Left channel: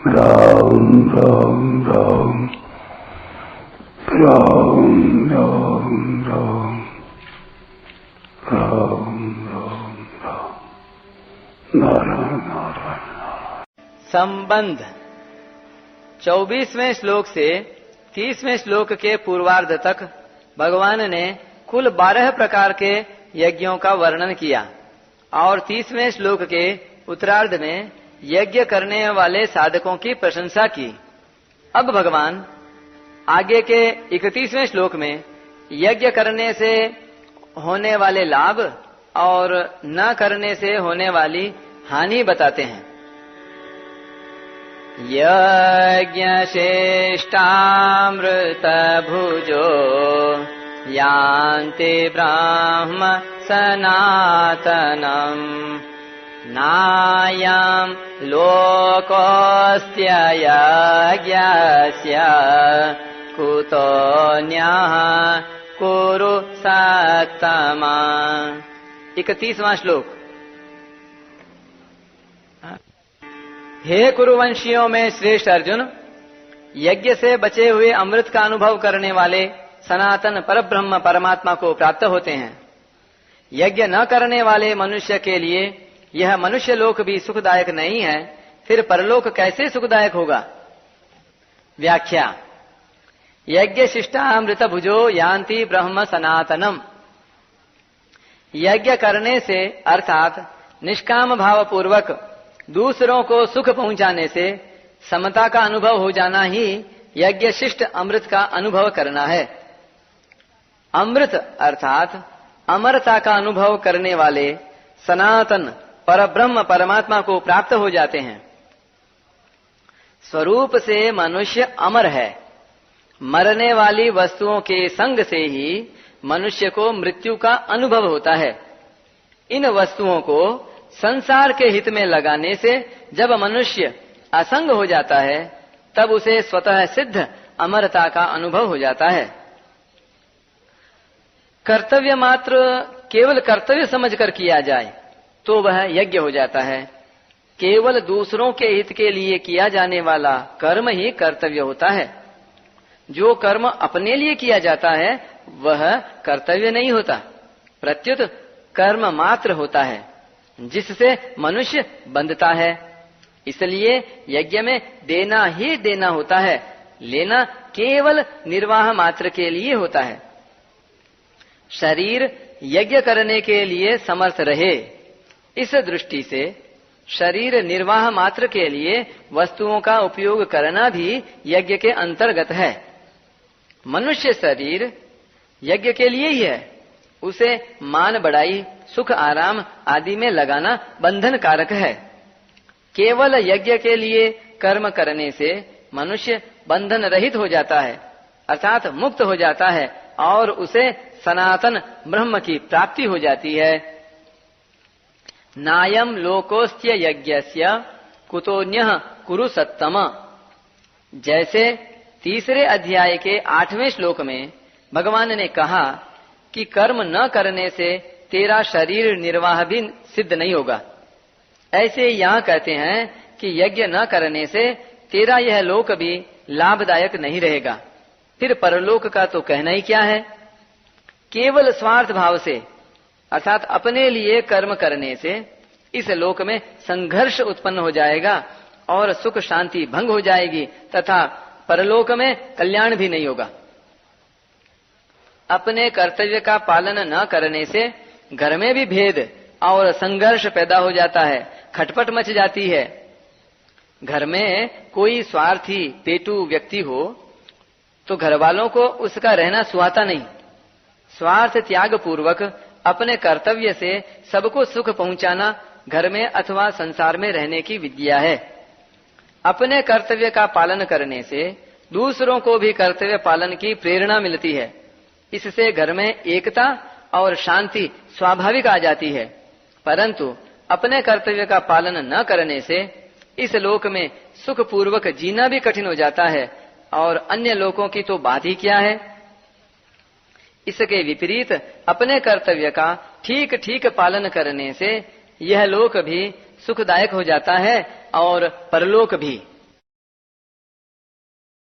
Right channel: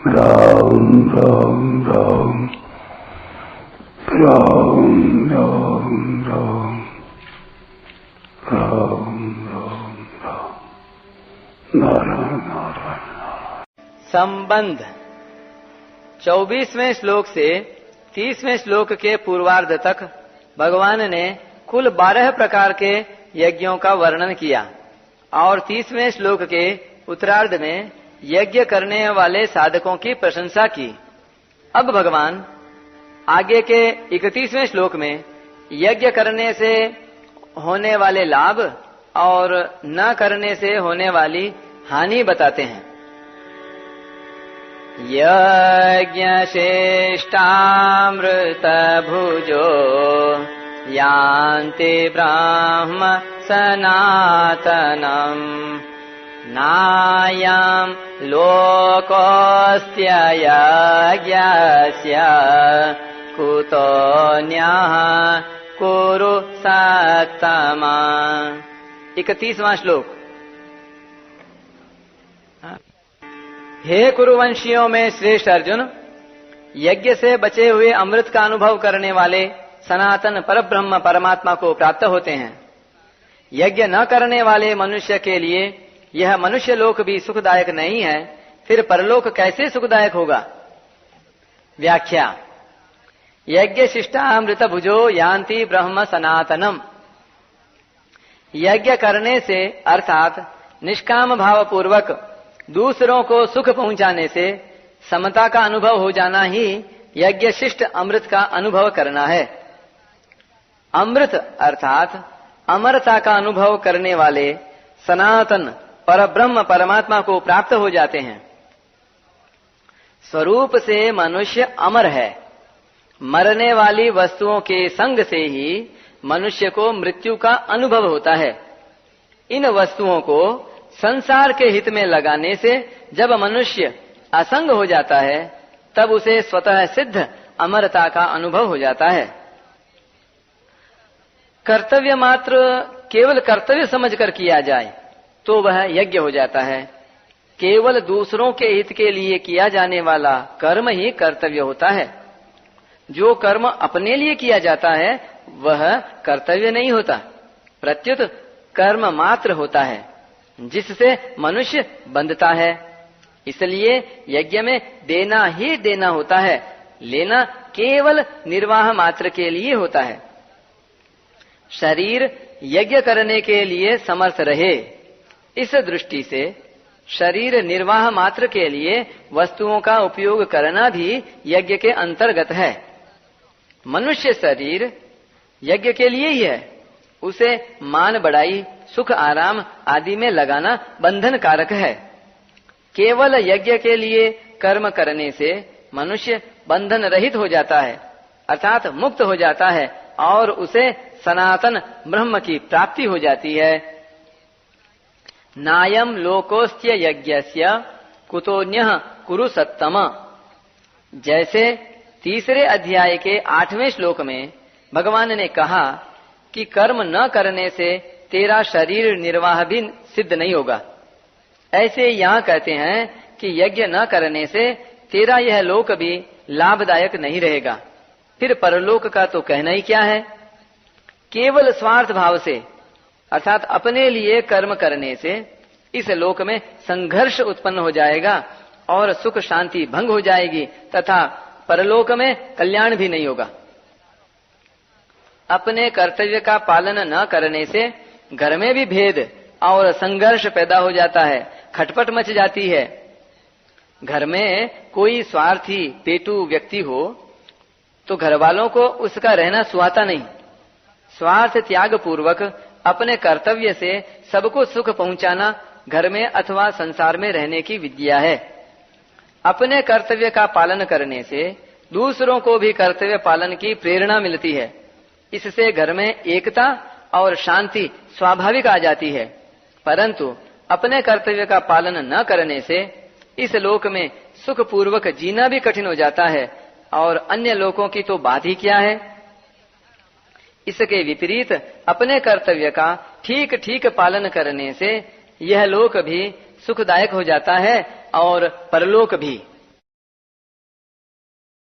राम राम राम राम राम राम राम राम राम नारायण नारायण। संबंध 24वें श्लोक से 30वें श्लोक के पूर्वार्ध तक भगवान ने कुल 12 प्रकार के यज्ञों का वर्णन किया और 30वें श्लोक के उत्तरार्ध में यज्ञ करने वाले साधकों की प्रशंसा की। अब भगवान आगे के 31वें श्लोक में यज्ञ करने से होने वाले लाभ और न करने से होने वाली हानि बताते हैं। यज्ञ श्रेष्ठामृत भुजो यान्ति ब्रह्म सनातनम् नायं लोकोऽस्त्य यज्ञस्य कुतोऽन्यः कुरु सत्तमा। 31वां श्लोक। हे कुरुवंशियों में श्रेष्ठ अर्जुन, यज्ञ से बचे हुए अमृत का अनुभव करने वाले सनातन परब्रह्म परमात्मा को प्राप्त होते हैं। यज्ञ न करने वाले मनुष्य के लिए यह मनुष्य लोक भी सुखदायक नहीं है, फिर परलोक कैसे सुखदायक होगा। व्याख्या। यज्ञ शिष्टामृत भुजो यान्ति ब्रह्म सनातनम। यज्ञ करने से अर्थात निष्काम भाव पूर्वक दूसरों को सुख पहुंचाने से समता का अनुभव हो जाना ही यज्ञ शिष्ट अमृत का अनुभव करना है। अमृत अर्थात अमरता का अनुभव करने वाले सनातन परब्रह्म परमात्मा को प्राप्त हो जाते हैं। स्वरूप से मनुष्य अमर है। मरने वाली वस्तुओं के संग से ही मनुष्य को मृत्यु का अनुभव होता है। इन वस्तुओं को संसार के हित में लगाने से जब मनुष्य असंग हो जाता है तब उसे स्वतः सिद्ध अमरता का अनुभव हो जाता है। कर्तव्य मात्र केवल कर्तव्य समझकर किया जाए तो वह यज्ञ हो जाता है। केवल दूसरों के हित के लिए किया जाने वाला कर्म ही कर्तव्य होता है। जो कर्म अपने लिए किया जाता है वह कर्तव्य नहीं होता, प्रत्युत कर्म मात्र होता है जिससे मनुष्य बंधता है। इसलिए यज्ञ में देना ही देना होता है, लेना केवल निर्वाह मात्र के लिए होता है। शरीर यज्ञ करने के लिए समर्थ रहे, इस दृष्टि से शरीर निर्वाह मात्र के लिए वस्तुओं का उपयोग करना भी यज्ञ के अंतर्गत है। मनुष्य शरीर यज्ञ के लिए ही है। उसे मान बढ़ाई, सुख आराम आदि में लगाना बंधन कारक है। केवल यज्ञ के लिए कर्म करने से मनुष्य बंधन रहित हो जाता है, अर्थात मुक्त हो जाता है और उसे सनातन ब्रह्म की प्राप्ति हो जाती है। नायम लोकोस्त्य यज्ञस्य कुतोन्यः कुरु सत्तम। जैसे तीसरे अध्याय के 8वें श्लोक में भगवान ने कहा कि कर्म न करने से तेरा शरीर निर्वाह भी सिद्ध नहीं होगा, ऐसे यहाँ कहते हैं कि यज्ञ न करने से तेरा यह लोक भी लाभदायक नहीं रहेगा, फिर परलोक का तो कहना ही क्या है। केवल स्वार्थ भाव से अर्थात अपने लिए कर्म करने से इस लोक में संघर्ष उत्पन्न हो जाएगा और सुख शांति भंग हो जाएगी तथा परलोक में कल्याण भी नहीं होगा। अपने कर्तव्य का पालन न करने से घर में भी भेद और संघर्ष पैदा हो जाता है, खटपट मच जाती है। घर में कोई स्वार्थी पेटू व्यक्ति हो तो घर वालों को उसका रहना सुहाता नहीं। स्वार्थ त्याग पूर्वक अपने कर्तव्य से सबको सुख पहुंचाना घर में अथवा संसार में रहने की विद्या है। अपने कर्तव्य का पालन करने से दूसरों को भी कर्तव्य पालन की प्रेरणा मिलती है। इससे घर में एकता और शांति स्वाभाविक आ जाती है। परंतु अपने कर्तव्य का पालन न करने से इस लोक में सुख पूर्वक जीना भी कठिन हो जाता है और अन्य लोगों की तो बात ही क्या है। इसके विपरीत अपने कर्तव्य का ठीक ठीक पालन करने से यह लोक भी सुखदायक हो जाता है और परलोक भी।